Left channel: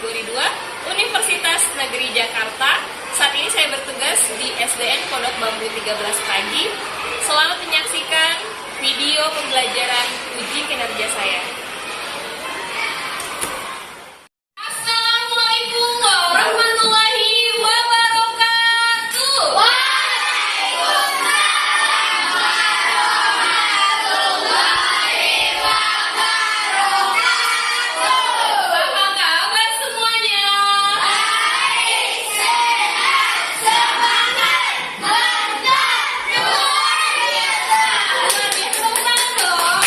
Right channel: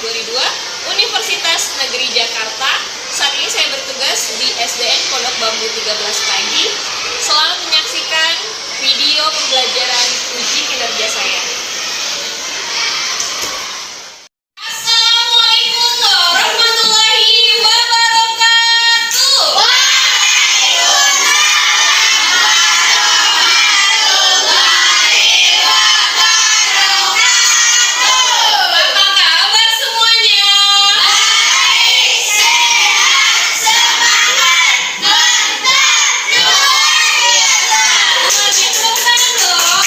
kategori 2 Universitas Negeri Jakarta. Saat ini saya bertugas di SDN Pondok Bambu 13 pagi. Selamat menyaksikan video pembelajaran uji kinerja saya. Assalamualaikum warahmatullahi wabarakatuh. Apa kabar semuanya? Baik, sehat, semangat, mantap, luar biasa. Tepuk tangan dong.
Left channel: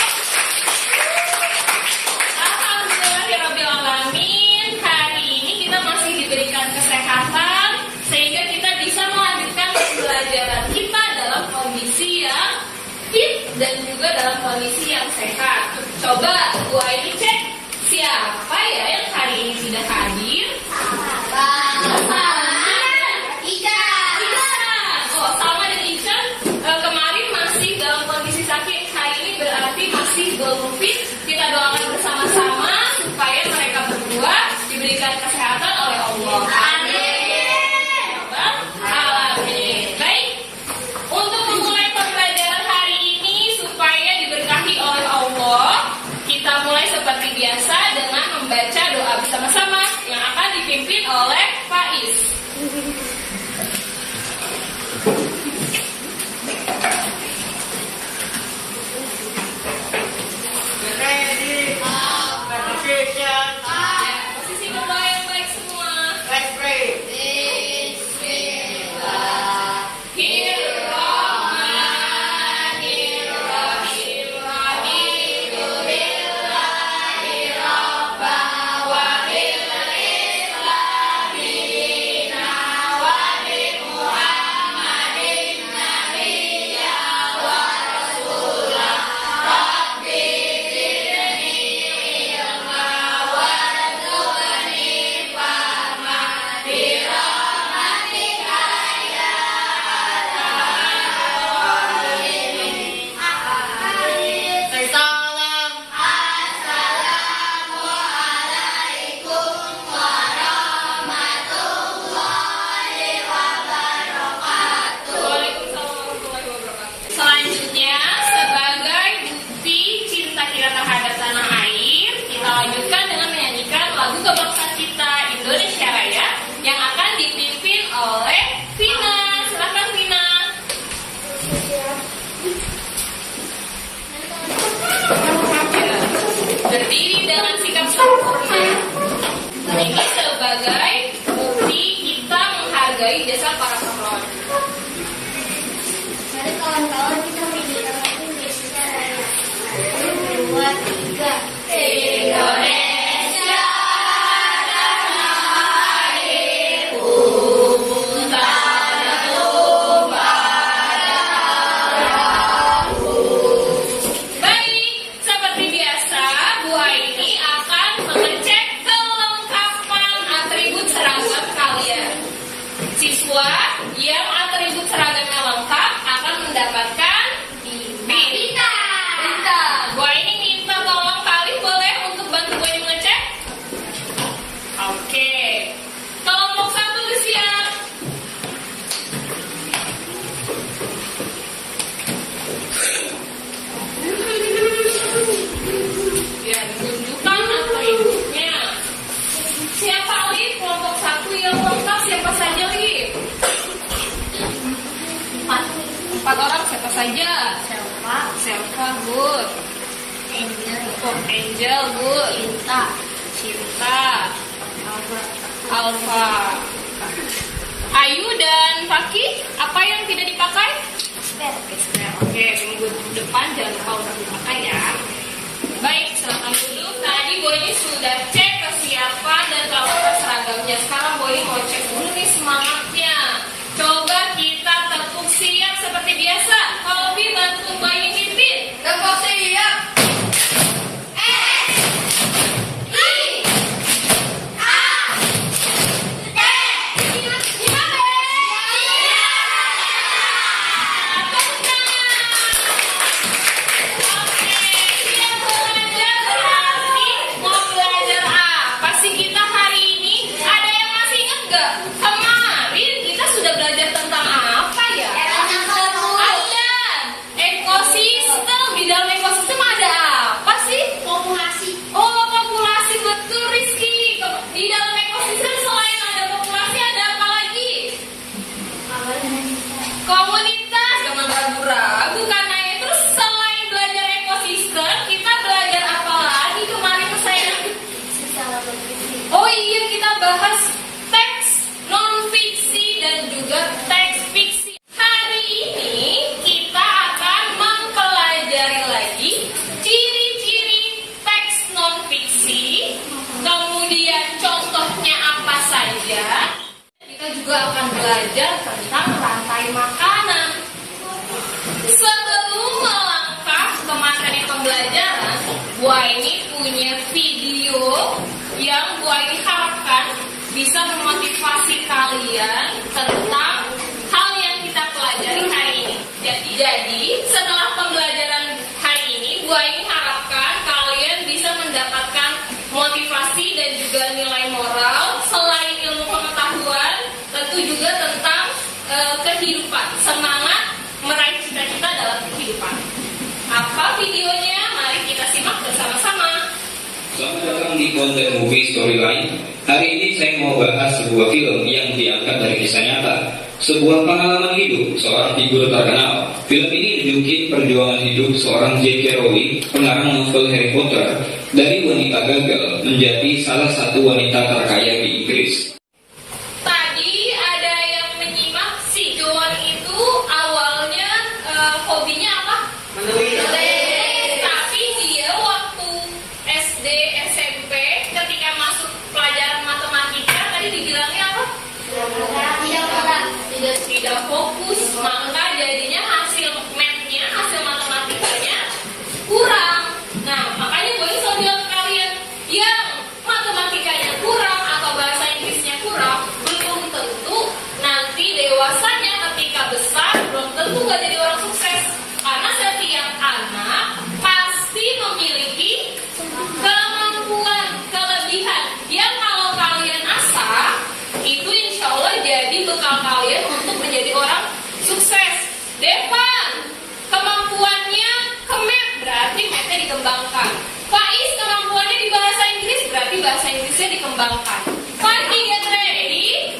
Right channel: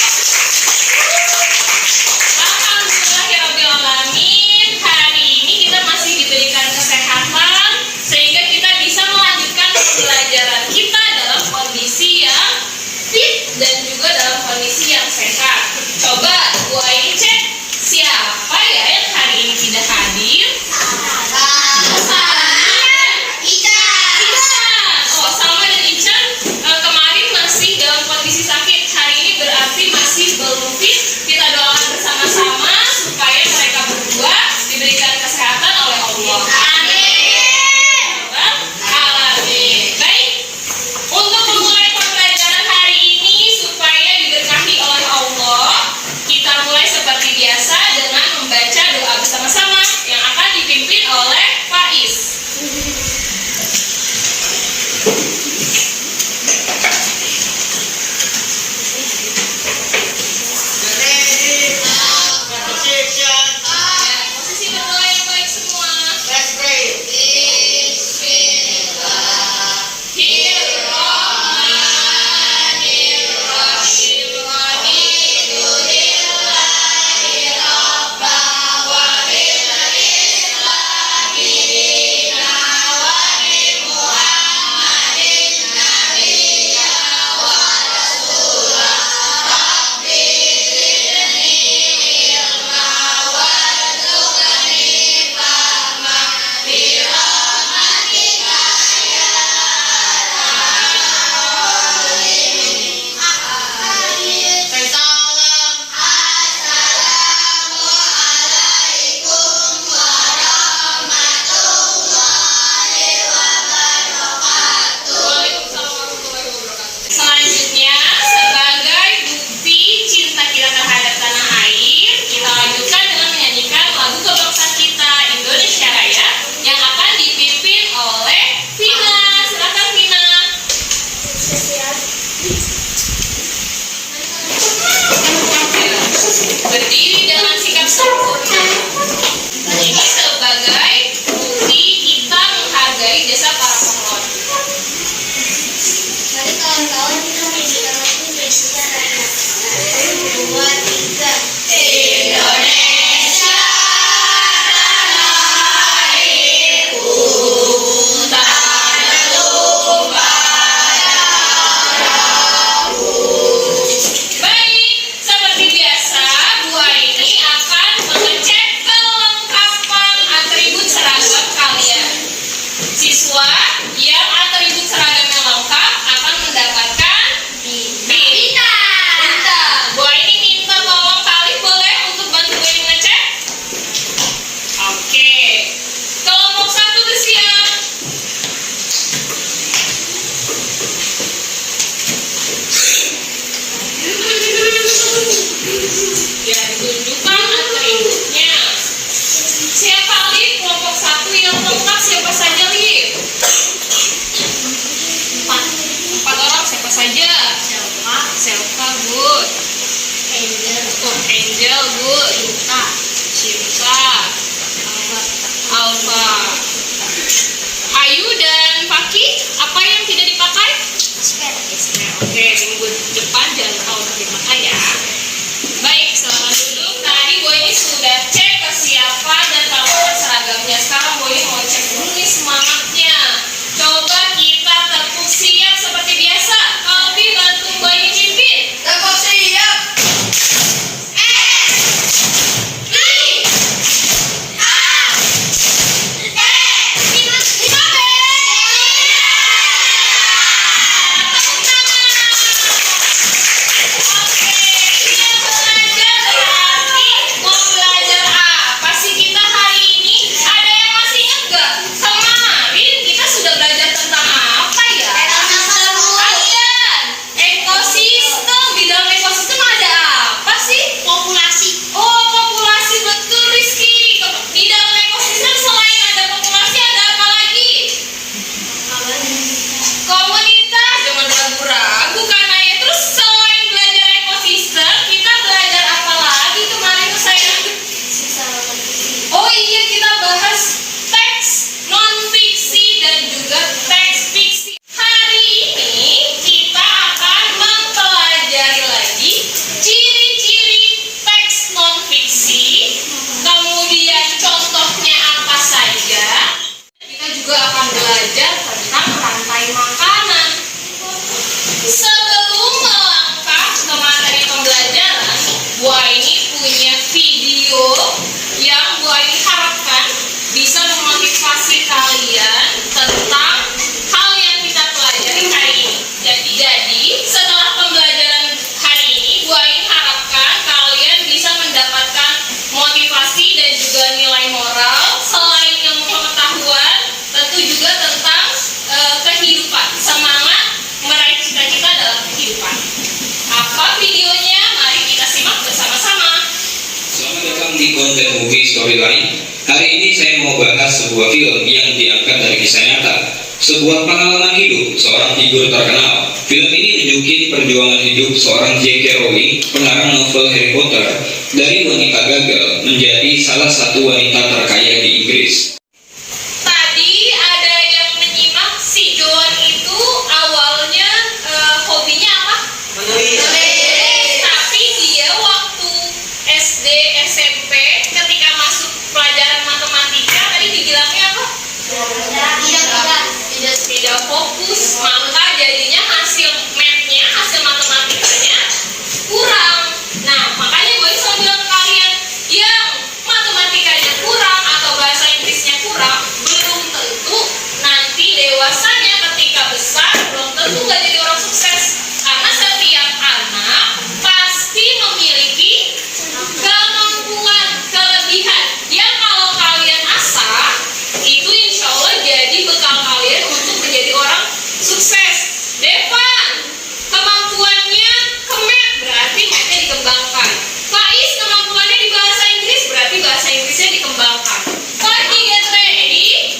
Alhamdulillahirrabbilalamin. Hari ini kita masih diberikan kesehatan sehingga kita bisa melanjutkan pembelajaran kita dalam kondisi yang fit dan juga dalam kondisi yang sehat. Coba Bu Aini cek siapa ya yang hari ini tidak hadir? Salma dan Ican kemarin masih dalam kondisi sakit. Hari ini berarti masih belum fit. Kita doakan bersama-sama supaya mereka berdua diberikan kesehatan oleh Allah. Amin. Baik. Untuk memulai pembelajaran hari ini supaya diberkahi oleh Allah, kita mulai seperti biasa dengan membaca doa bersama-sama yang akan dipimpin oleh Faiz. Posisi berdoa yang baik semua. Selanjutnya, sebagai bukti cinta kita terhadap tanah air, kita lanjutkan dengan menyanyikan lagu kebangsaan kita Indonesia Raya yang akan dipimpin oleh Vina. Silakan Vina. Berdiri dengan sikap sempurna. Ini sebagai bukti kita menghargai jasa para pahlawan. Mari kawan-kawan kita menyanyikan lagu Indonesia Raya. 1, 2, 3. Indonesia tanah airku, tanah tumpah darahku. Baik, seperti biasa, Bu Aini akan mengecek kelengkapan atribut seragam kalian. Siswa yang atribut seragamnya lengkap akan mendapatkan bintang. Bu Aini minta tolong kali boleh untuk bantu Bu Aini ngecek? Oke. Kelompok 1 bersiap. Ya, ditunjukkan atributnya. Siapa Lip? Kelompok 1 yang lengkap siapa saja Lip? 4 orang siapa saja? Selva good. Angel good. Cinta. Alfa. Ayu dan Faki, apa yang tidak dipakai? Oke, minggu depan jangan lupa untuk dipakai ya. Baik, silakan duduk. Tadi Bu ini sudah cek kesiapan dan kelengkapan seragamnya. Sekarang Bu ini mau cek dulu nih semangatnya. Coba kita tepuk siap seperti biasa. Kalau Bi bantu Bu ini mimpin. Tepuk siap. Oke, dia belajar berarti mau belajar apa sih kita hari ini? akan belajar tentang rantai makanan. Sebelum melangkah ke materi pembelajaran, Bu Aini punya video yang Bu Aini harapkan bisa memotivasi kalian tentang hal yang kita pelajari hari ini. Jadi setelah pembelajaran hari ini, Bu Aini harapkan kalian bisa mendapatkan motivasi dan juga nilai moral selain ilmu pengetahuan, tentu juga tentang kehidupan, semangat meraih cita-cita dalam kehidupan. Apa videonya? Mari kita simak bersama-sama. Selamat datang di konten movie storyline. Hari ini saya mau bahas sebuah film yang diangkat dari kisah nyata, sebuah pengalaman hidup seorang figur terkenal. Film ini nunjukin perjuangan hidup seorang J.K. Rowling, pengarang novel Harry Potter, dari wanita gagal menjadi salah satu wanita terkaya di Inggris. Tadi ada yang menyimak si John itu awalnya hobinya apa? Menulis. Tapi dia waktu SD, SMP ketika masuk pelajaran matematika tadi dibilangnya apa? Tidak fokus, maka jadinya hasil math-nya, hasil matematikanya kurang. Nah, makanya gue selalu bilang ke kalian yang matematikanya kurang atau bahasa Inggrisnya kurang, belum tentu nanti dewasanya ketika besar belum tentu gak jadi orang sukses. Karena setiap anak pasti memiliki kemampuan, kelebihan yang kalau kalian asah itu insya Allah jadi bekal kalian untuk menjadi orang sukses. Devan, kemampuannya ke math, berarti mathnya dikembangkan. Faiz, kemampuannya di bahasa Inggris, berarti bahasa Inggrisnya dikembangkan. Fadi, get ready.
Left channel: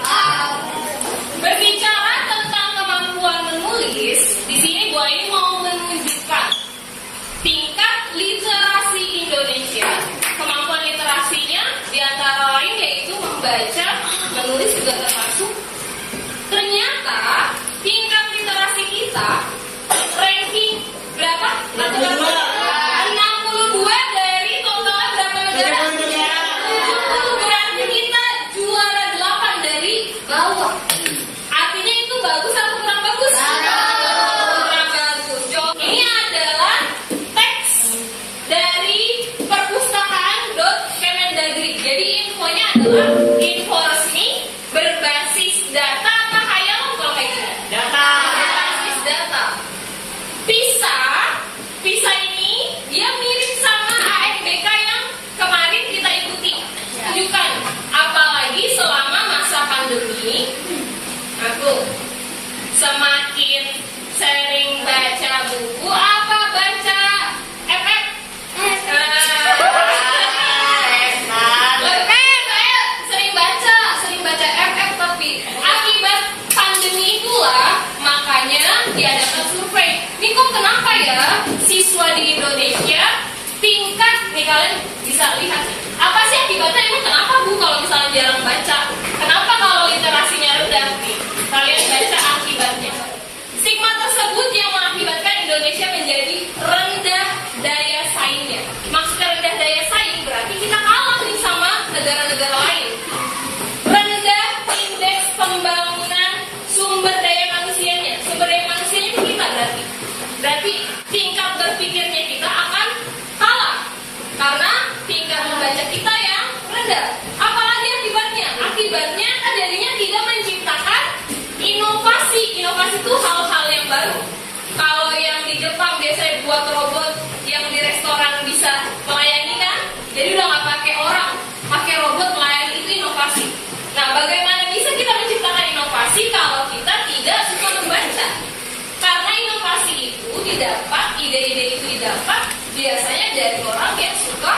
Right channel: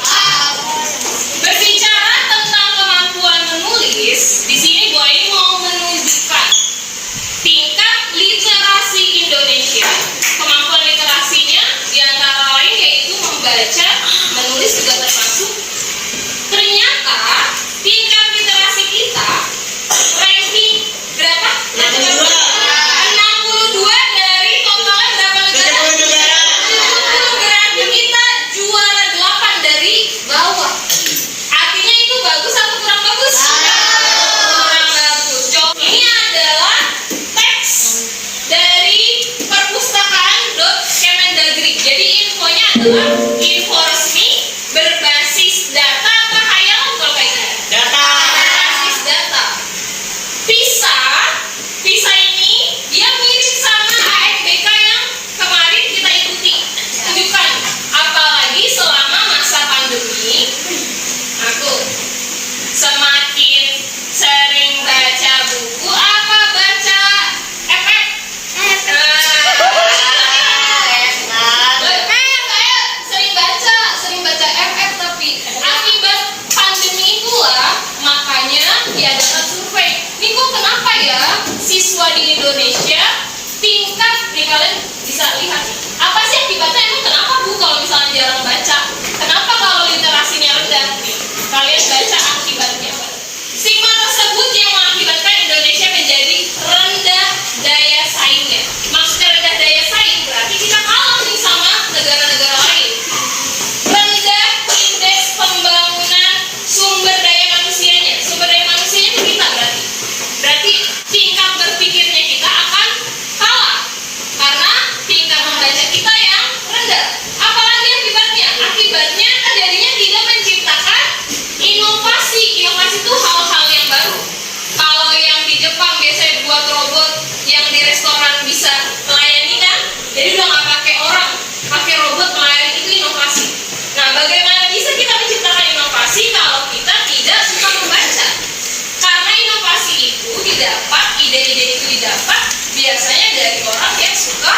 Berbicara tentang kemampuan menulis, di sini Bu Aini mau menunjukkan tingkat literasi Indonesia. Kemampuan literasinya diantara lain yaitu membaca, menulis juga termasuk. Ternyata tingkat literasi kita ranking berapa? 62 dari totalnya berapa negara? 70, berarti kita juara 8 dari bawah. Artinya itu bagus atau kurang bagus? Kurang bagus. Coba ini adalah teks dari perpustakaan.kemendagri. Jadi infonya adalah info resmi berbasis data apa hayalan kalau kayak gitu? Data. Berbasis data. PISA ini dia mirip sama AFBK yang kemarin kita ikuti. Tunjukkan, apalagi selama masa pandemi. Aku semakin sering baca buku apa baca FF? Saya sering baca FF, tapi akibat pandemi itulah makanya diadakan survei. Ini kok kenapa ya siswa di Indonesia tingkat, nih kalian bisa lihat nih, apa sih akibatnya, emang kenapa Bu kalau misalnya jarang baca, kenapa kalau literasinya rendah nih, kalian baca akibatnya apa? Stigma tersebut yang mengakibatkan Indonesia menjadi rendah daya saingnya. Maksudnya rendah daya saing berarti kita kalah nih sama negara-negara lain. Rendah indeks pembangunan sumber daya manusianya. Sumber daya manusianya itu kita berarti tingkat berpikirnya kita akan kalah karena tingkat membaca kita yang rendah. Apalagi akibatnya? Akibatnya terjadinya tidak menciptakan inovasi. Inovasi itu hal-hal yang baru. Kalau yang di Jepang biasanya buat robot yang di restoran bisa melayani kan, jadi udah nggak pakai orang, pakai robot melayani, itu inovasi. Nah, bagaimana bisa kita menciptakan inovasi kalau kita tidak suka membaca? Karena inovasi itu didapat, ide-ide itu didapat biasanya dari orang yang suka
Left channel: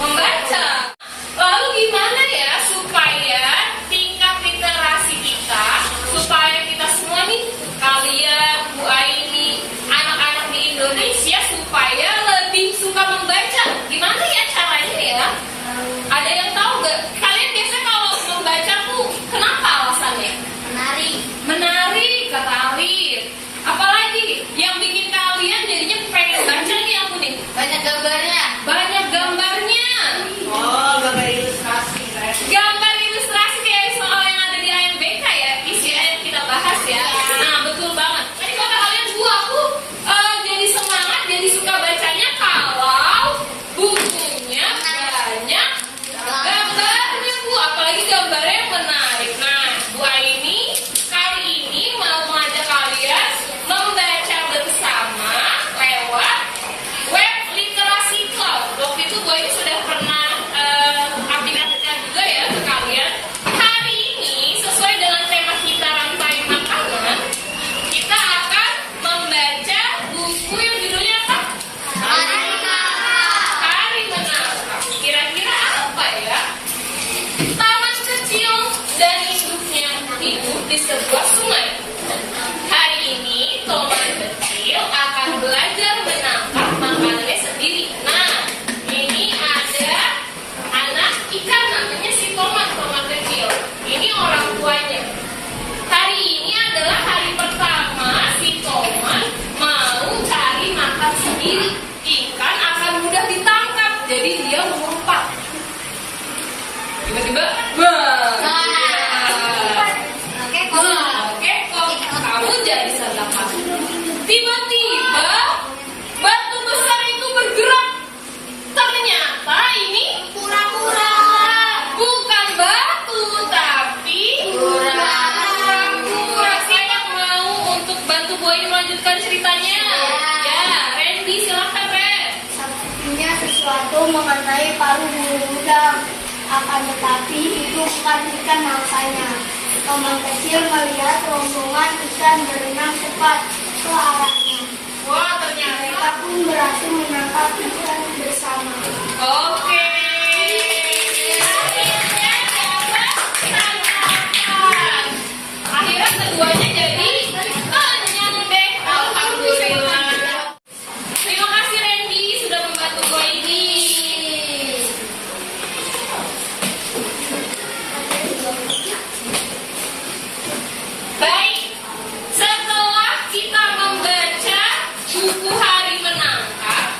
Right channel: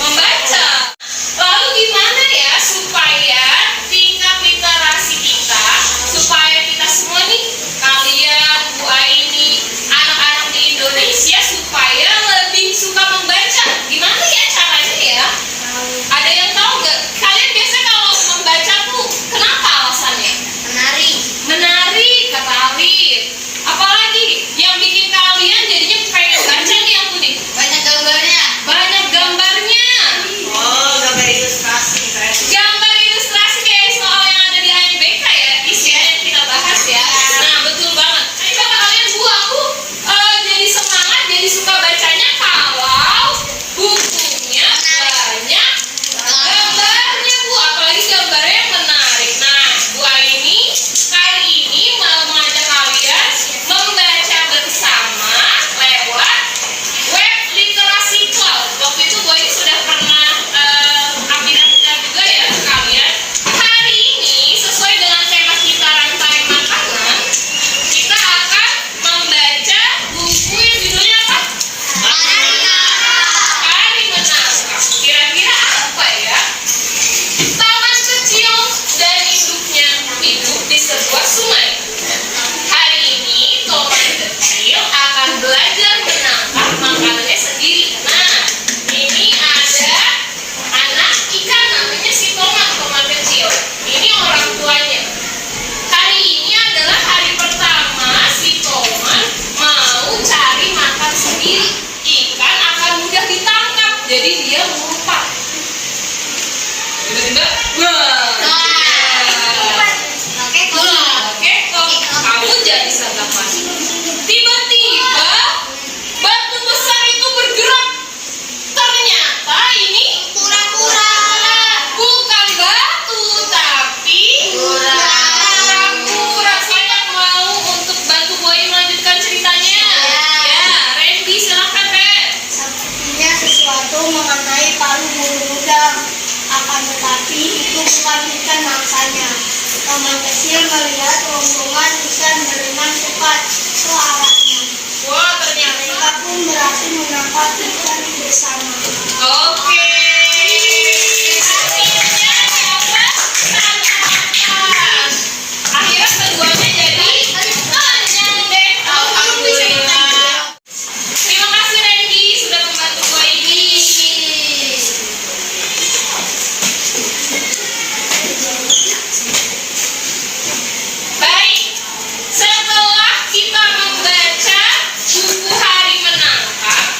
membaca. Lalu gimana ya supaya tingkat literasi kita, supaya kita semua nih, kalian, Bu Aini, anak-anak di Indonesia supaya lebih suka membaca? Gimana ya caranya ya? Ada yang tahu nggak? Kalian biasa kalau membaca tuh kenapa alasannya? Menarik, ketarik. Apalagi yang bikin kalian jadinya pengen baca nih aku nih? Banyak gambarnya. Banyak gambarnya. Oh, Akan tetapi itu bukan ikan mangsanya. Paman kecil melihat rombongan ikan berenang cepat ke arahnya. Wah, ternyata. Mereka pun berhasil menangkap ikan bersama. Oke. Akhirnya dapat tangkapan. Akhirnya keduanya jadi kenyang deh. Alhamdulillah. Terima kasih Randy sudah membantu gue ini. Baik, setelah kita membaca buku hari menangkap,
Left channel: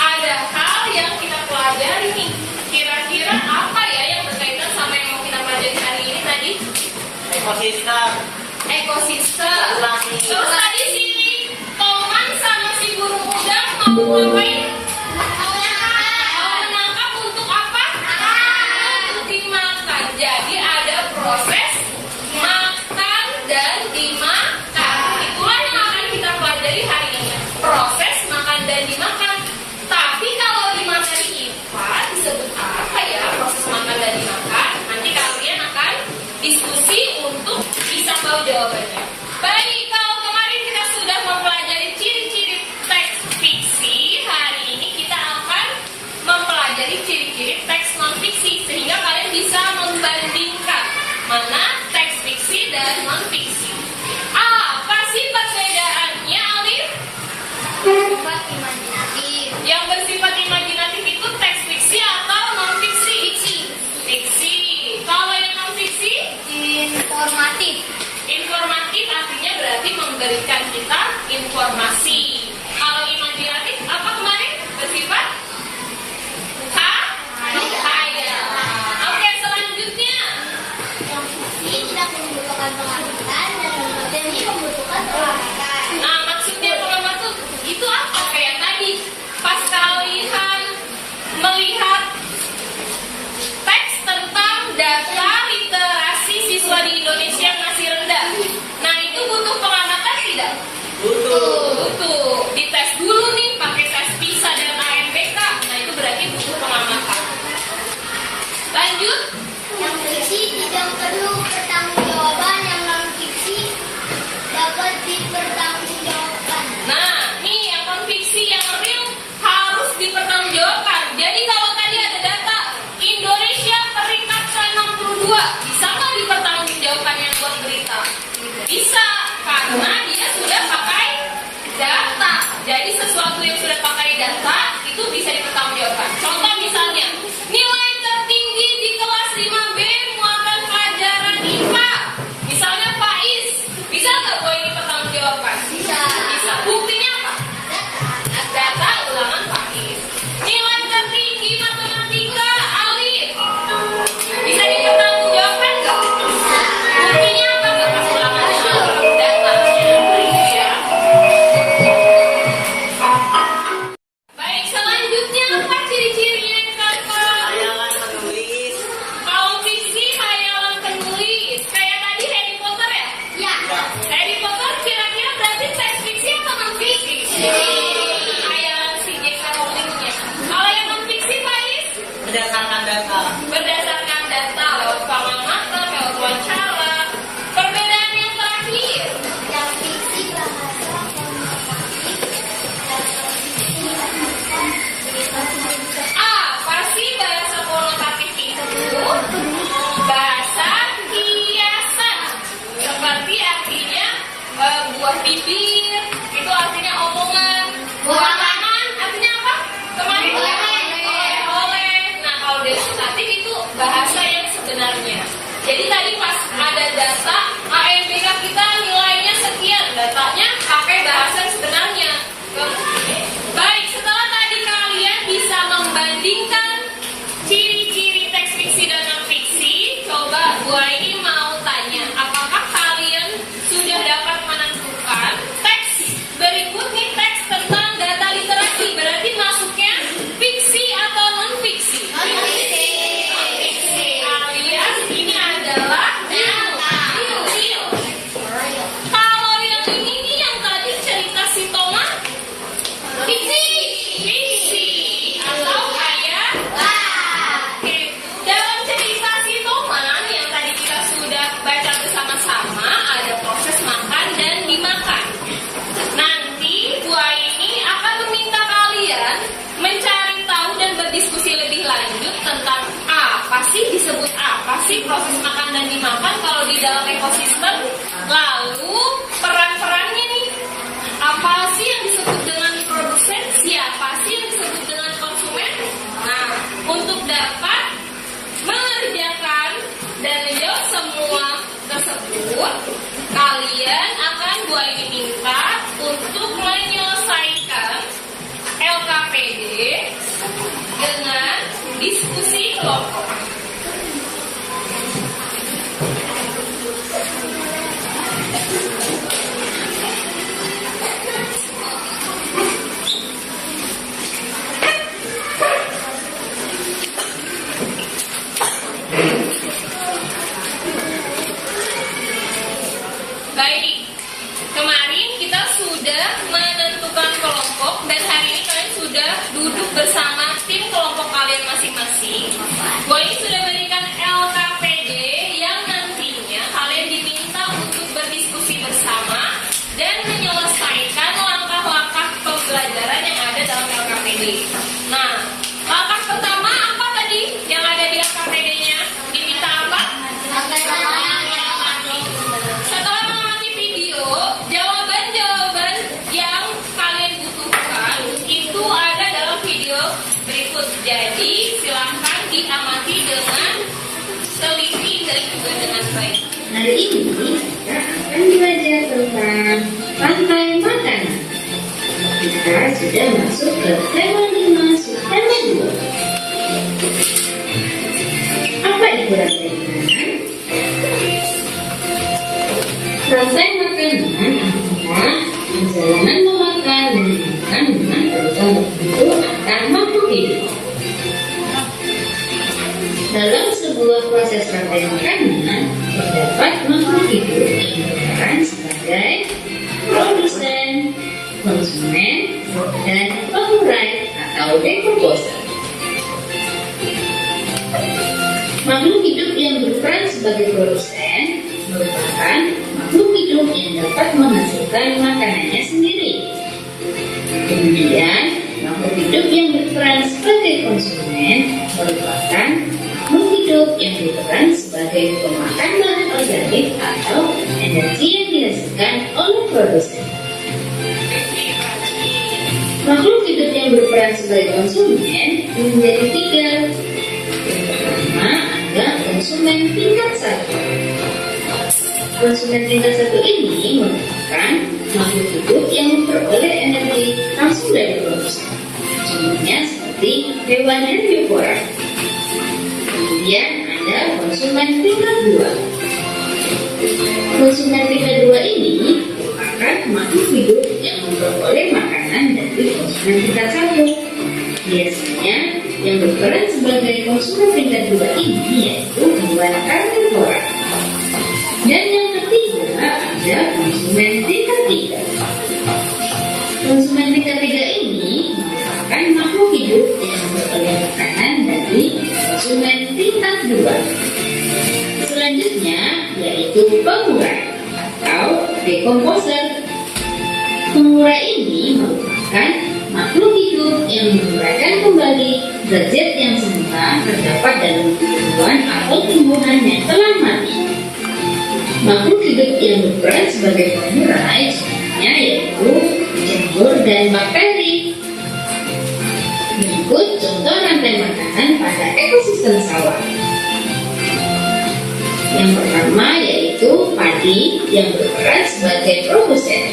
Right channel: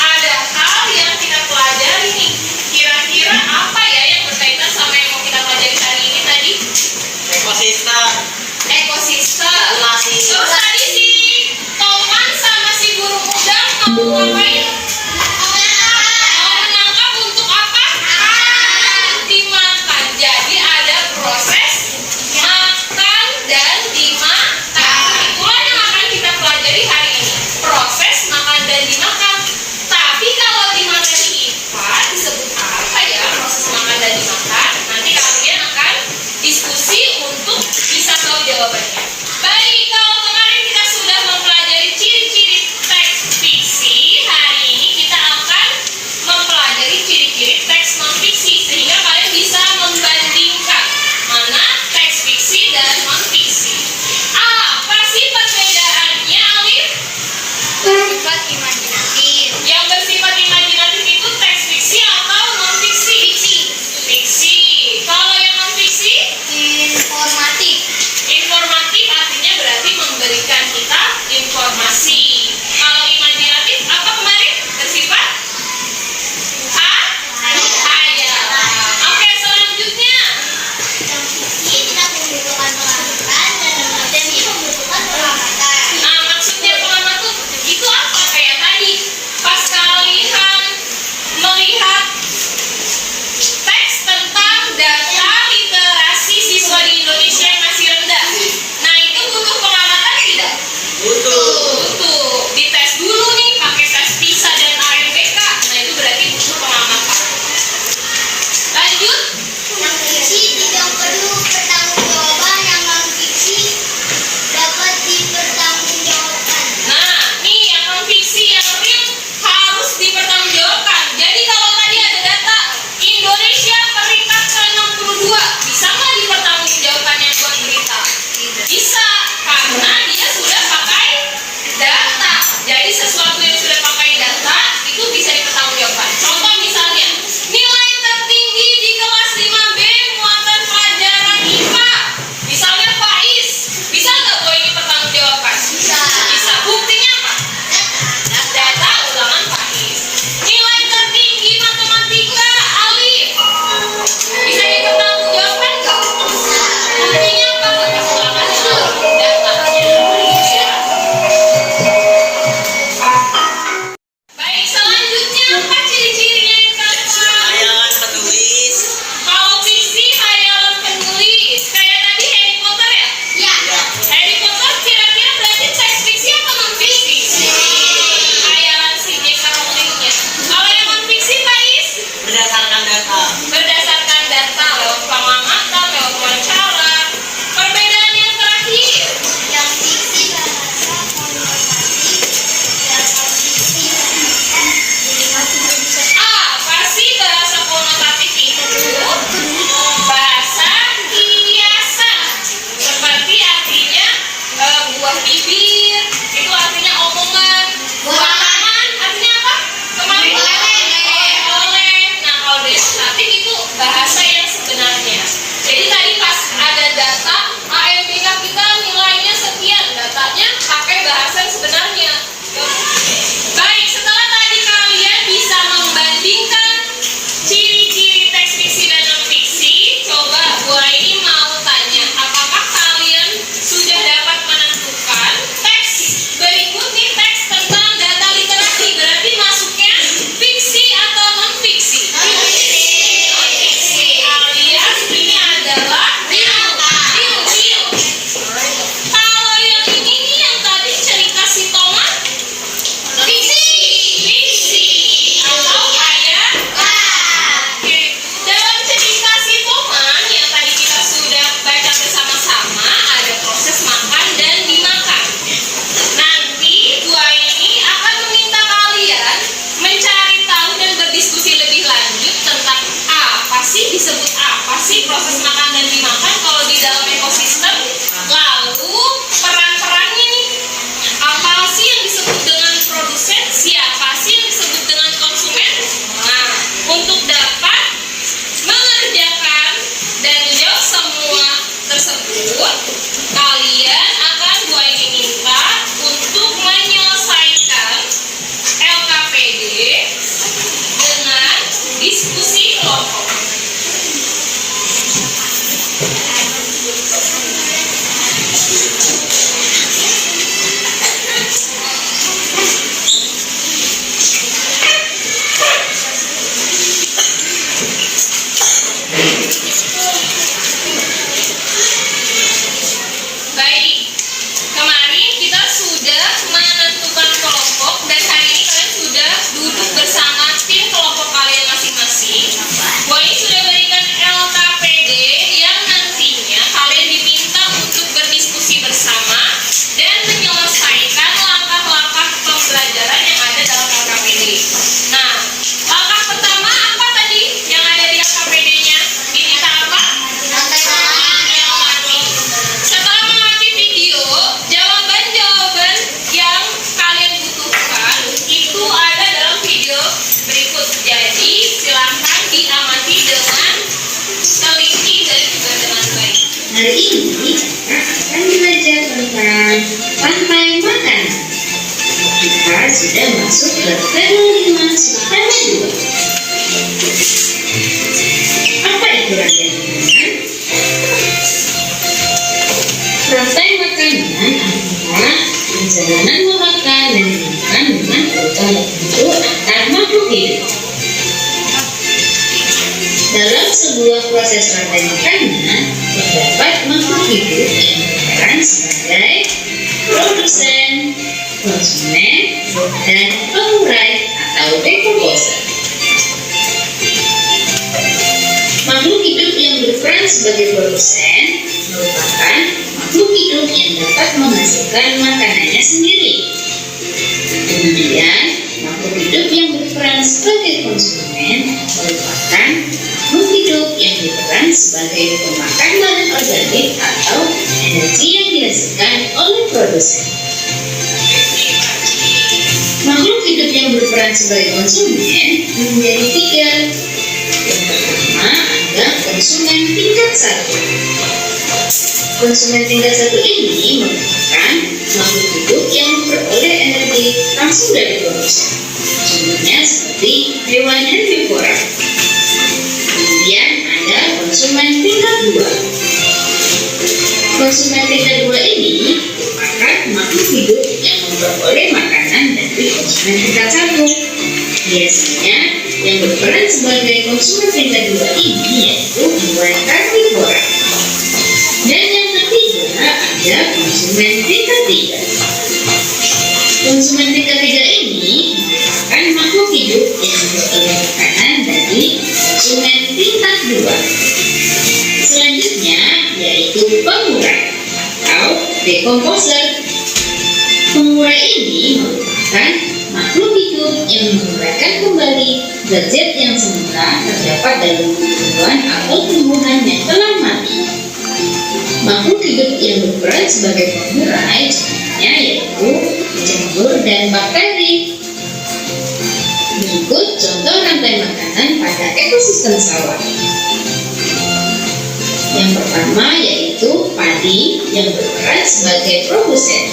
ada hal yang kita pelajari nih. Kira-kira apa ya yang berkaitan sama yang mau kita pelajari hari ini tadi? Ekosistem. Ekosistem. Populasi. Terus tadi si Toman sama si burung udang mau ngapain? Mau menangkap untuk apa? Dimakan. Jadi ada proses makan dan dimakan. Itulah yang akan kita pelajari hari ini. Proses makan dan dimakan. Tapi kalau di materi IPA disebut apa ya proses makan dan dimakan? Nanti kalian akan diskusi untuk bisa tahu jawabannya. Baik, kalau kemarin kita sudah mempelajari ciri-ciri teks fiksi, hari ini kita akan mempelajari ciri-ciri teks non-fiksi sehingga kalian bisa membandingkan mana teks fiksi dan non-fiksi. Apa sih perbedaannya, Alif? Bersifat imajinatif. Yang bersifat imajinatif itu teks fiksi atau non-fiksi? Fiksi. Kalau yang non-fiksi? Informatif. Informatif artinya berarti memberikan kita informasi. Kalau imajinatif apa kemarin? Bersifat? Hayalan. Oke, selanjutnya. Yang fiksi tidak membutuhkan pengamatan dan ini membutuhkan pengamatan. Nah, maksudnya pengamatan itu apa? Kayak tadi, pas kalian melihat teks tentang data literasi siswa di Indonesia yang masih rendah. Nah, itu butuh pengamatan tidak? Butuh. Dites dulu nih pakai tes PISA dan AMBK. Nah, itu berarti butuh pengamatan. Lanjut. Yang fiksi tidak perlu pertanggungjawaban, yang non fiksi dapat dipertanggungjawabkan. Nah, nih yang non-fiksi yang real harus dipertanggungjawabkan. Jadi kalau tadi ada data Indonesia peringkat ke-62, bisa nggak dipertanggungjawabkan yang buat berita? Bisa, karena dia sudah pakai data. Jadi sesuatu yang sudah pakai data itu bisa dipertanggungjawabkan. Contoh misalnya, nilai tertinggi di kelas 5B muatan pelajaran IPA. Misalnya Faiz, bisa nggak gue ini pertanggungjawabkan? Bisa. Bisa. Buktinya apa? Data ulangan Faiz. Nilai tertinggi matematika Alif. Bisa dipertanggungjawabkan nggak? Buktinya apa? Kertas ulangannya Alif. Datanya. Ya. Baik, selanjutnya apa ciri-cirinya yang gampang? Hayalan penulis. Kalau fiksi hayalan penulis. Kayak tadi Harry Potter ya? Ya. Harry Potter kira-kira berarti teks fiksi apa non-fiksi? Hayalan si J.K. Rowling-nya. Kalau yang non-fiksi, Faiz? Berdasarkan data. Berdasarkan data, lewat pengamatan, lewat wawancara. Perbedaan yang terakhir. Yang fiksi bahasa konotatif, yang non fiksi bahasa Apa sih bahasa konotatif itu? Bahasa kiasan. Seperti artinya buah bibir, itu artinya omongan. Buah tangan artinya apa? Kemarin Oleh. oleh. Nah, kalau denotatif disebut apa sih proses makan dan dimakan kalau di dalam ekosistem? Lalu peran-perannya nih, apa sih yang disebut dengan produsen? Siapa sih yang disebut dengan konsumen? Nah, untuk dapat mengerjakan dan menjawab semua tersebut, kalian akan Bu Aini minta untuk menyelesaikan LKPD dengan diskusi kelompok. Baik, kemarin kita sudah menentukan kelompok dan hari ini kalian sudah duduk bersama tim kelompok kalian masing-masing. Bu ini sudah berikan LKPD yang nantinya kalian diminta untuk berdiskusi bersama dan menyelesaikan langkah-langkah pembelajaran yang ada dalam LKPD. Nah, langkah pertama apa tadi yang ada di LKPD-nya? Diminta apa? Setelah mengamati video, jawaban-jawaban yang kalian butuhkan itu ada dalam video berikut. Jadi silahkan diamati dengan teliti dan juga dengan baik. Hari ini kita akan belajar tentang rantai makanan. Kita sudah masuk ke tema 5 subtema 2. Apa itu rantai makanan? Rantai makanan adalah perjalanan memakan dan dimakan dengan urutan tertentu antar makhluk hidup. Dalam sebuah proses rantai makanan, terdapat makhluk hidup yang berperan sebagai produsen, konsumen, dan pengurai atau decomposer. Makhluk hidup yang berperan sebagai produsen merupakan makhluk hidup yang dapat menghasilkan makanannya sendiri. Kemudian, makhluk hidup yang berperan sebagai konsumen merupakan makhluk hidup yang berperan sebagai pemakan bahan organik atau energi yang dihasilkan oleh produsen. Makhluk hidup yang berperan sebagai konsumen menjadi 3. Yang pertama adalah konsumen tingkat 1. Konsumen tingkat 1 ini merupakan makhluk hidup yang memperoleh energi langsung dari produsen. Contohnya seperti hewan herbivora. Kemudian ada konsumen tingkat 2. Konsumen tingkat 2 ini merupakan makhluk hidup yang memperoleh makanan dari konsumen tingkat 1. Biasanya yang berperan sebagai konsumen tingkat 2 ini yaitu hewan karnivora. Dan yang ketiga ada konsumen tingkat 3. Konsumen tingkat 3 ini merupakan makhluk hidup yang memperoleh makanan dari konsumen tingkat 2. Selanjutnya yaitu pengurai atau decomposer. Pengurai ini merupakan makhluk hidup yang menguraikan kembali zat-zat yang semula terdapat dalam tumbuhan atau tumbuhan yang telah mati. Makhluk hidup yang berperan sebagai pengurai contohnya yaitu jamur dan bakteri. Berikut contoh rantai makanan pada ekosistem sawah. Yang pertama yaitu padi yang berperan sebagai produsen.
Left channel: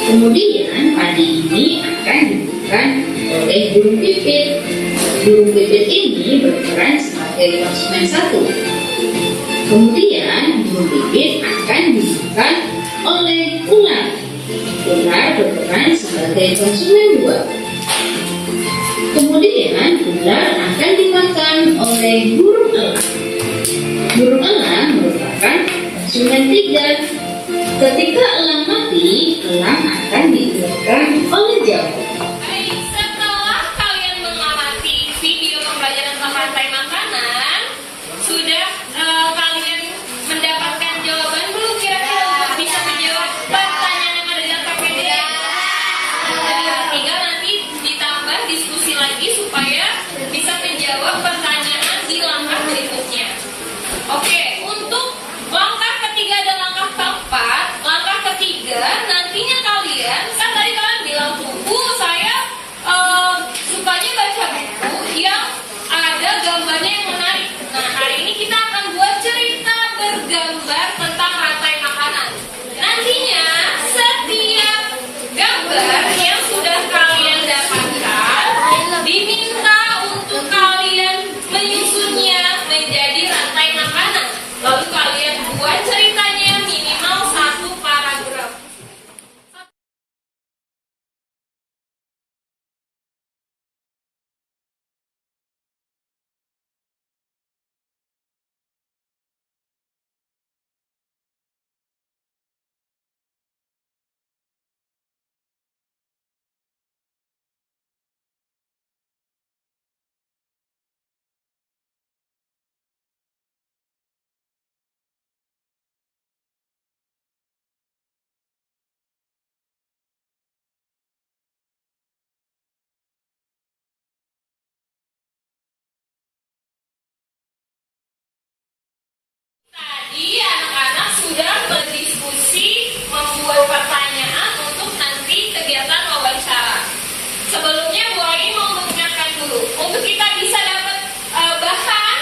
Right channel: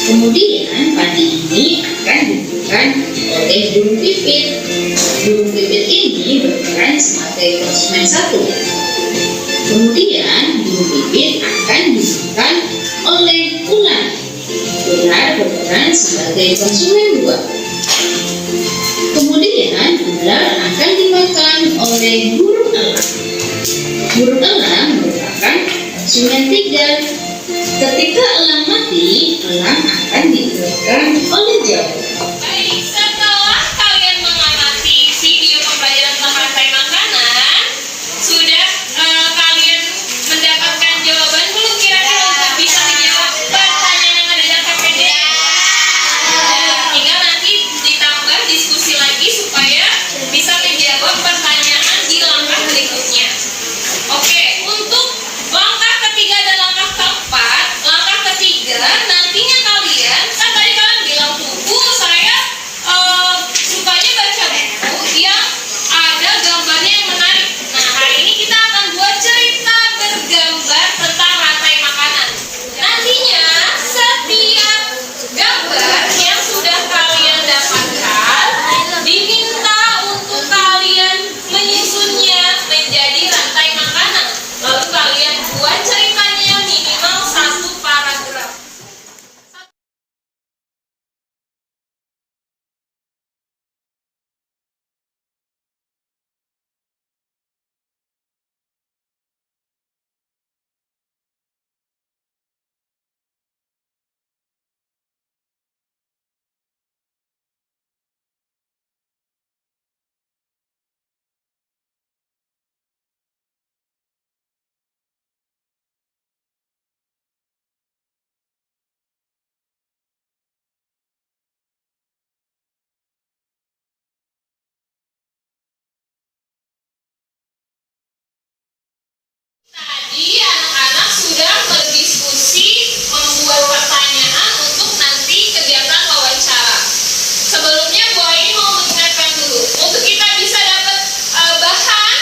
Kemudian padi ini akan diberikan oleh burung pipit. Burung pipit ini berperan sebagai konsumen 1. Kemudian burung pipit akan diberikan oleh ular. Ular berperan sebagai konsumen 2. Kemudian ular akan dimakan oleh burung elang. Burung elang merupakan konsumen 3. Ketika elang mati, elang akan dikeluarkan oleh jamur. Baik, setelah kalian mengamati video pembelajaran tentang rantai makanan, sudah kalian mendapatkan jawaban belum kira-kira untuk bisa menjawab pertanyaan yang ada dalam KPD? Tinggal nanti ditambah diskusi lagi supaya bisa menjawab pertanyaan di langkah berikutnya. nantinya kalian, kan tadi kalian bilang Bu, saya sukanya baca buku yang ada gambarnya yang menarik. Nah, hari ini kita akan buat cerita bergambar tentang rantai makanan. Nantinya setiap gambar yang sudah kalian dapatkan diminta untuk kalian menyusunnya menjadi rantai makanan. Lalu kalian buat ceritanya minimal 1 paragraf. Tadi anak-anak sudah berdiskusi membuat pertanyaan untuk nanti kegiatan wawancara. Sebelumnya Bu Aini mau mengingatkan dulu, untuk kita bisa dapat bahan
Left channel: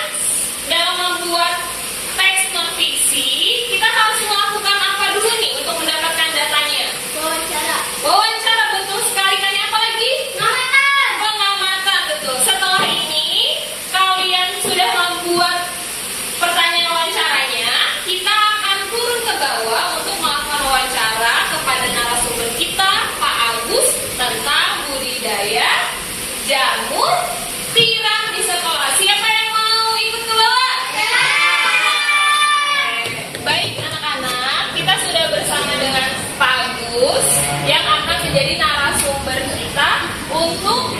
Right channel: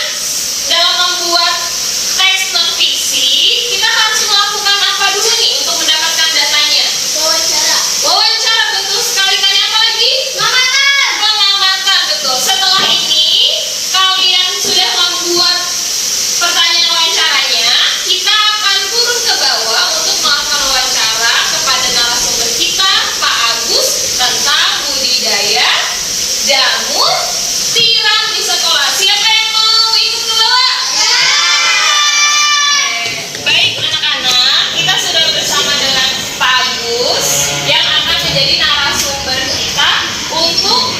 dalam membuat teks non fiksi, kita harus melakukan apa dulu nih untuk mendapatkan datanya? Wawancara, betul sekali. Tanya apa lagi? Pengamatan, betul. Setelah ini kalian sudah membuat pertanyaan wawancaranya, kita akan turun ke bawah untuk melakukan wawancara kepada narasumber kita, Pak Agus, tentang budidaya jamur tiram di sekolah. Siapa yang mau ikut ke bawah? Baik anak-anak, kita sudah bersama dengan Pak Agus yang akan menjadi narasumber kita untuk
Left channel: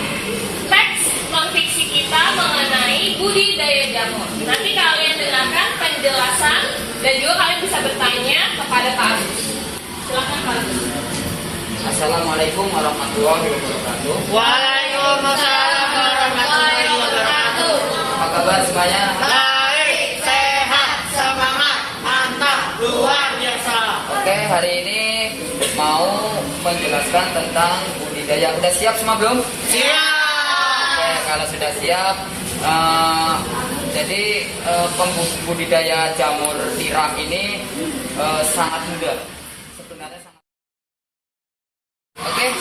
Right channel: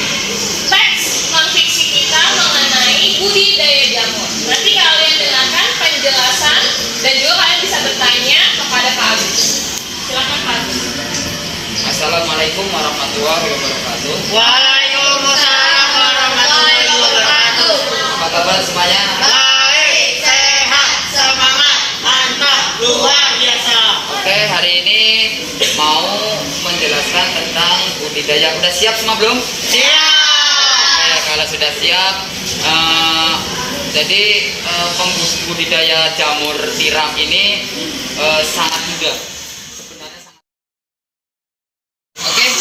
teks non-fiksi kita mengenai budidaya jamur. Nanti kalian dengarkan penjelasan dan juga kalian bisa bertanya kepada Pak Agus. Silakan Pak Agus. Assalamualaikum warahmatullahi wabarakatuh. Waalaikumsalam warahmatullahi wabarakatuh. Apa kabar semuanya? Baik, sehat, semangat, mantap, luar biasa. Oke, hari ini mau menjelaskan tentang budidaya. Udah siap semua belum? Siap. Oke, kalau sudah siap, jadi pembudidaya jamur tiram ini sangat mudah. Sebenarnya sangat. Oke,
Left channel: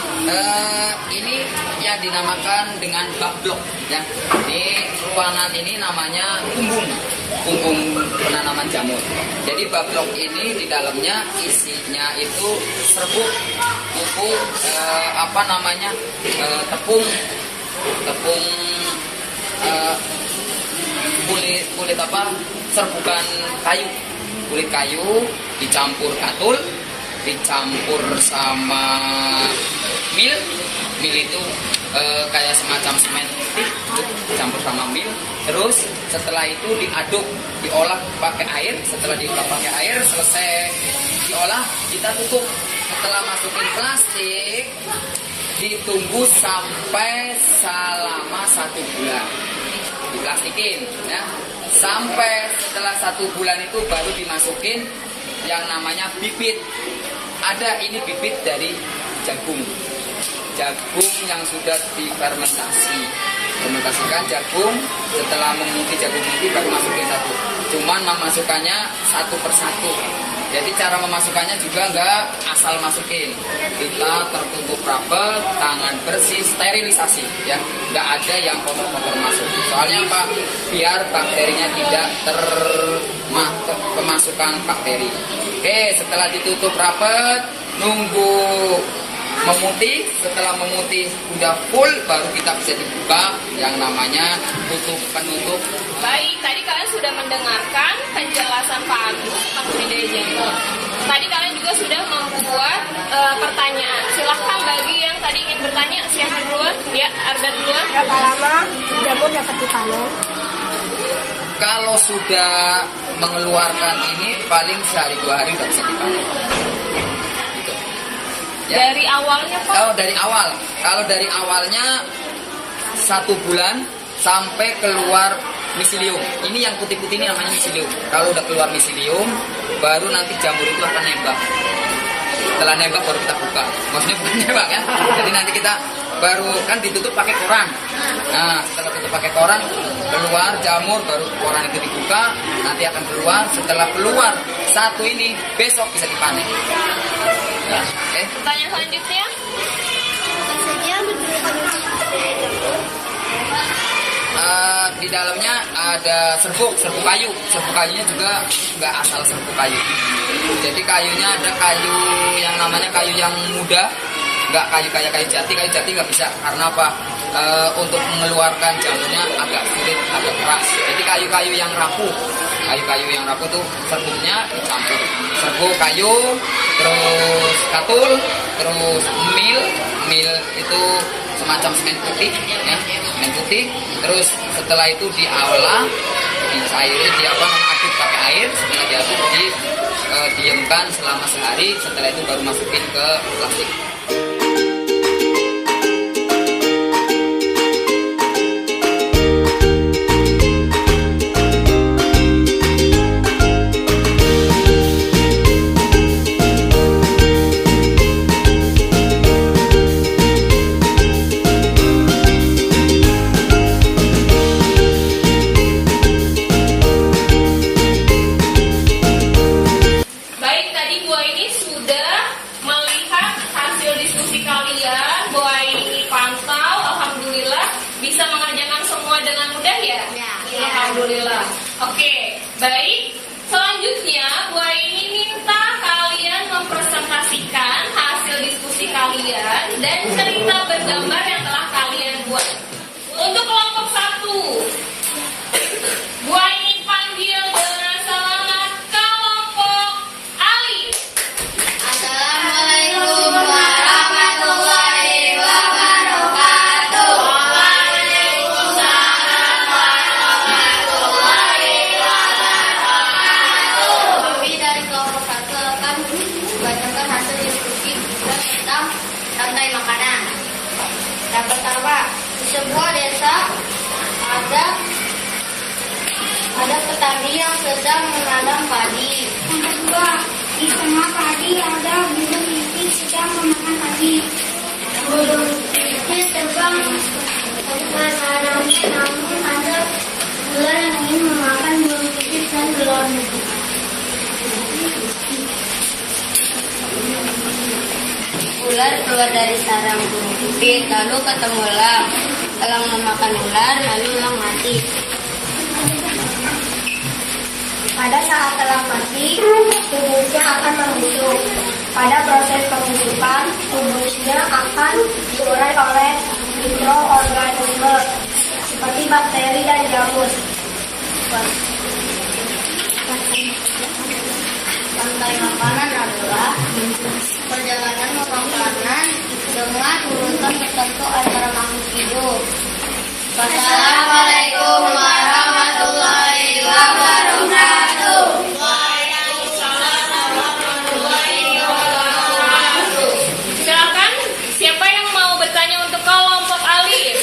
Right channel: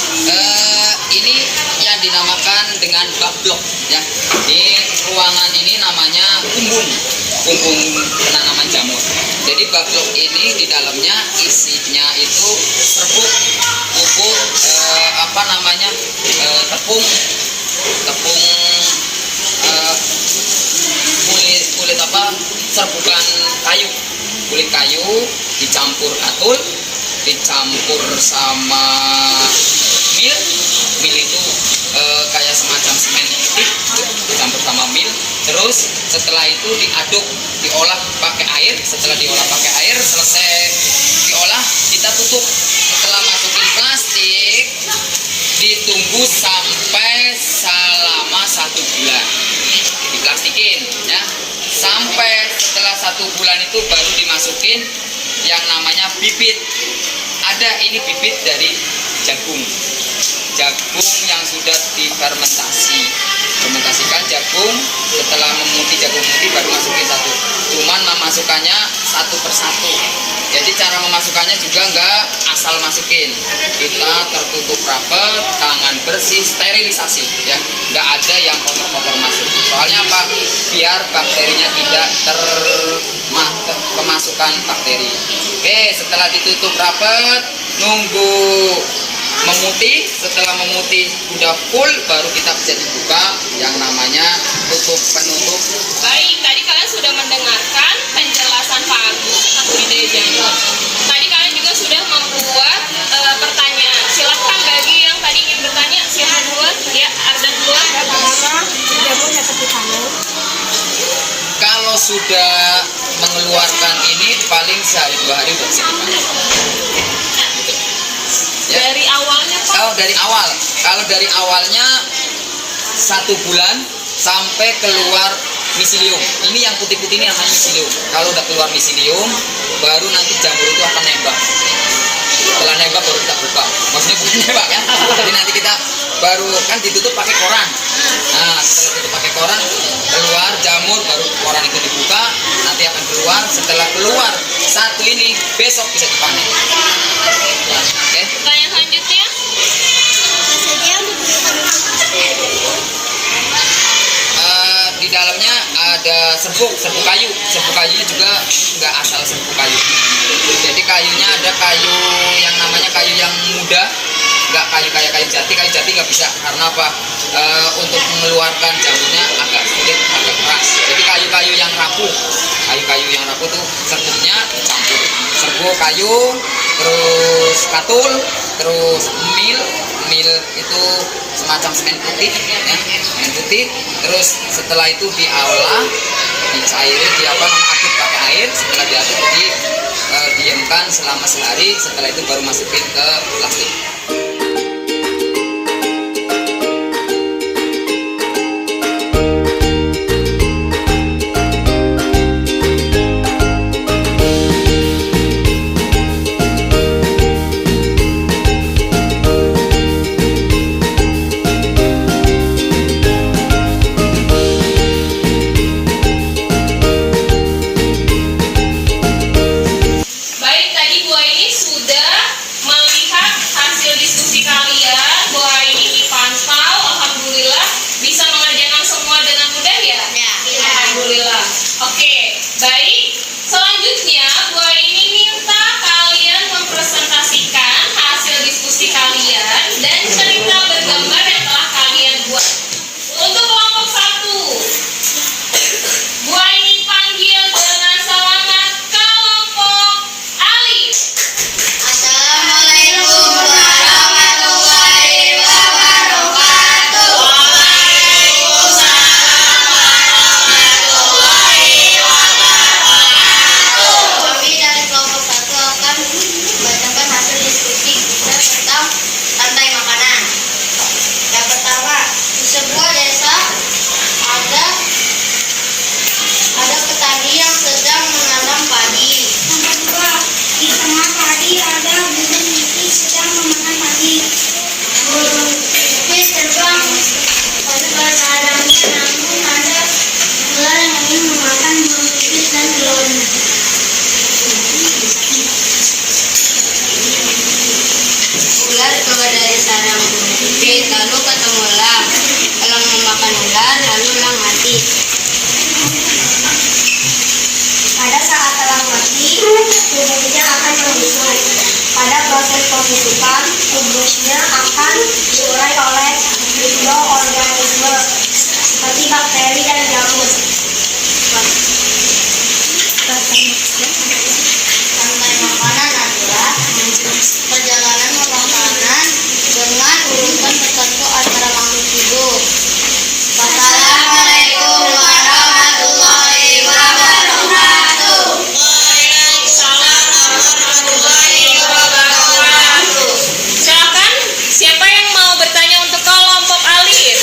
ini yang dinamakan dengan bak blok ya. Di ruangan ini namanya kumbung penanaman jamur. Jadi bak blok ini di dalamnya isinya itu serbuk, pupuk, tepung serbukan kayu, kulit kayu dicampur katul, dicampur sama mil itu kayak semacam semen putih, dicampur sama mil. Terus setelah itu diaduk, diolah pakai air. Setelah diolah pakai air, selesai diolah, kita tutup. Setelah masukin plastik, ditunggu sampai selama 1 bulan. Diplastikin ya. Sampai setelah 1 bulan itu baru dimasukin yang namanya bibit. Ada ini bibit dari jagung yang sudah difermentasikan jagung. Setelah memutih jagung putih baru masukin satu. Cuman memasukkannya satu persatu. Jadi cara memasukkannya juga nggak asal masukin. Kita tertutup rapat, tangan bersih, sterilisasi ya. Nggak ada yang kotor-kotor masuk. Soalnya apa? Biar bakterinya tidak kemasukan bakteri. Oke, setelah ditutup rapat, nunggu memutih. Setelah memutih udah full, baru kita bisa dibuka yang namanya penutup. Baik, tadi kalian sudah mendengarkan penjelasan Pak Agus tentang budidaya jamur. Tadi kalian juga sudah membuat pertanyaan. Silahkan bagi yang tadi ingin bertanya, siapa duluan? Ya, Arda duluan. Berapa lama jamur dapat dipanen? Kalau sudah mengeluarkan ini paling sehari 2 hari udah bisa dipanen. Gitu. Ya. Dari awalnya Pak? Oh, dari awal. Kalau dari awalnya 1 bulan sampai keluar miselium. Ini yang putih-putih ini namanya miselium. Kalau udah keluar miselium, baru nanti jamur itu akan nembak. setelah nembak baru kita buka. Maksudnya bukan nembak kan? Jadi nanti kita baru kan ditutup pakai koran. Nah, setelah tutup pakai koran, keluar jamur, baru koran itu dibuka, nanti akan keluar. Setelah keluar satu ini, besok bisa dipanen. Nah, oke. Pertanyaan selanjutnya. Saja Di dalamnya ada serbuk kayu. Serbuk kayunya juga nggak asal serbuk kayu. Jadi kayunya ada kayu yang namanya kayu yang muda, nggak kayu jati. Kayu jati nggak bisa karena apa? Untuk mengeluarkan jamurnya agak sulit, agak keras. Jadi kayu-kayu yang rapuh, tuh serbuknya dicampur. Serbuk kayu, terus katul, terus mil itu semacam semen putih, ya, semen putih. Terus setelah itu diolah, dicairi, aduk pakai air. Setelah diaduk, didiamkan selama sehari. Setelah itu baru masukin ke plastik. Baik, tadi Bu Aini sudah melihat hasil diskusi kalian. Bu Aini pantau, alhamdulillah bisa mengerjakan semua dengan mudah ya? Ya. Alhamdulillah. Oke, baik. Selanjutnya Bu Aini minta kalian mempresentasikan hasil diskusi kalian dan cerita bergambar yang telah kalian buat. Untuk kelompok 1, Bu Aini panggil dengan selamat kelompok Alif. Assalamualaikum warahmatullahi wabarakatuh. Kami dari kelompok 1 akan membacakan hasil diskusi kita tentang rantai makanan. Yang pertama, di sebuah desa ada petani yang sedang menanam padi. Yang kedua, di tengah padi ada burung pipit sedang memakan padi. Burung pipit terbang ke sarangnya, namun ada ular yang ingin memakan burung pipit dan telurnya. Ular keluar dari sarang burung pipit, lalu ketemu elang. Elang memakan ular, lalu elang mati. Pada saat elang mati, tubuhnya akan membusuk. Pada proses pembusukan, tubuhnya akan diurai oleh mikroorganisme seperti bakteri dan jamur. Rantai makanan adalah perjalanan makanan dengan urutan tertentu antara makhluk hidup. Wassalamualaikum warahmatullahi wabarakatuh. Silakan, siapa yang mau bertanya untuk kelompok Alif?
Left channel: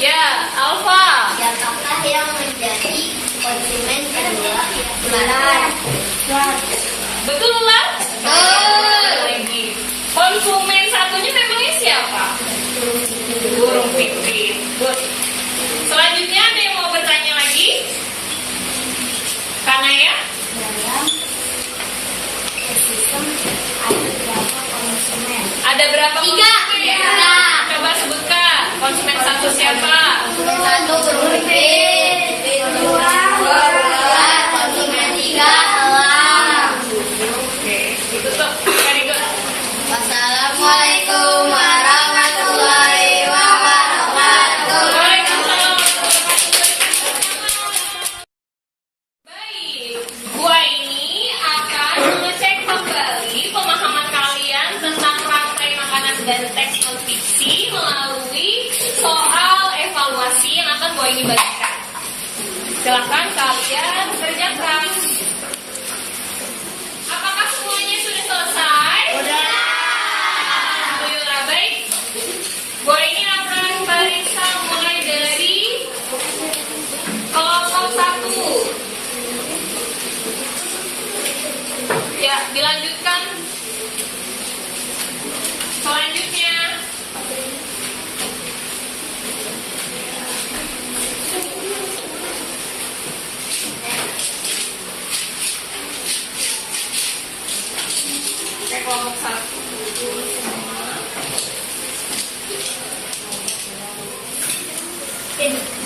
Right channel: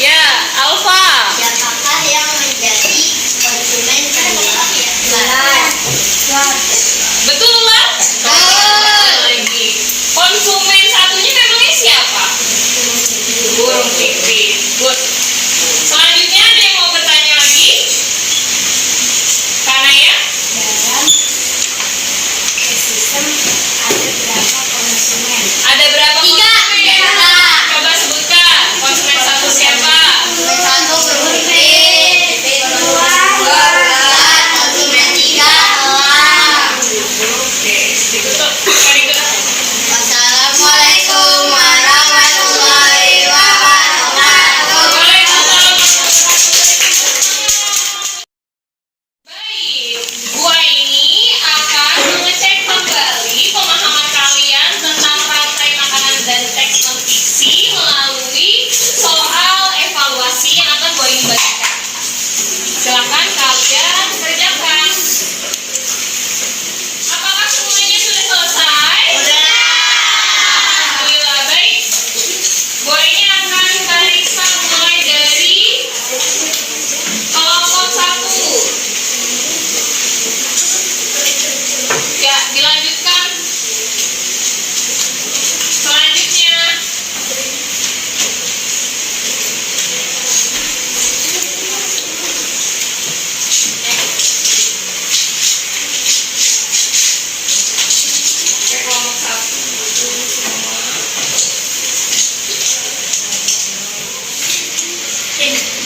Ya, Alfa. Siapakah yang menjadi konsumen kedua? Betul lah? Lagi. Konsumen satunya memangnya siapa? Burung pipit. Good. Selanjutnya ada yang mau bertanya lagi? Kanaya? Dalam ekosistem ada berapa konsumen? Ada berapa Tiga. konsumen? Tiga. Coba sebutkan. Konsumen satu siapa? Konsumen satu burung pipit, konsumen dua ular, konsumen tiga elang. Oke, ditutup. Very good. Wassalamualaikum warahmatullahi wabarakatuh. Waalaikumsalam. Baik, Bu Aini akan mengecek kembali pemahaman kalian tentang rantai makanan dan teks non-fiksi melalui soal evaluasi yang akan Bu Aini bagikan. Silakan kalian kerjakan. Apakah semuanya sudah selesai? Alhamdulillah, baik. Bu Aini akan barisa mulai dari kelompok 1. Ya, dilanjutkan. Oke.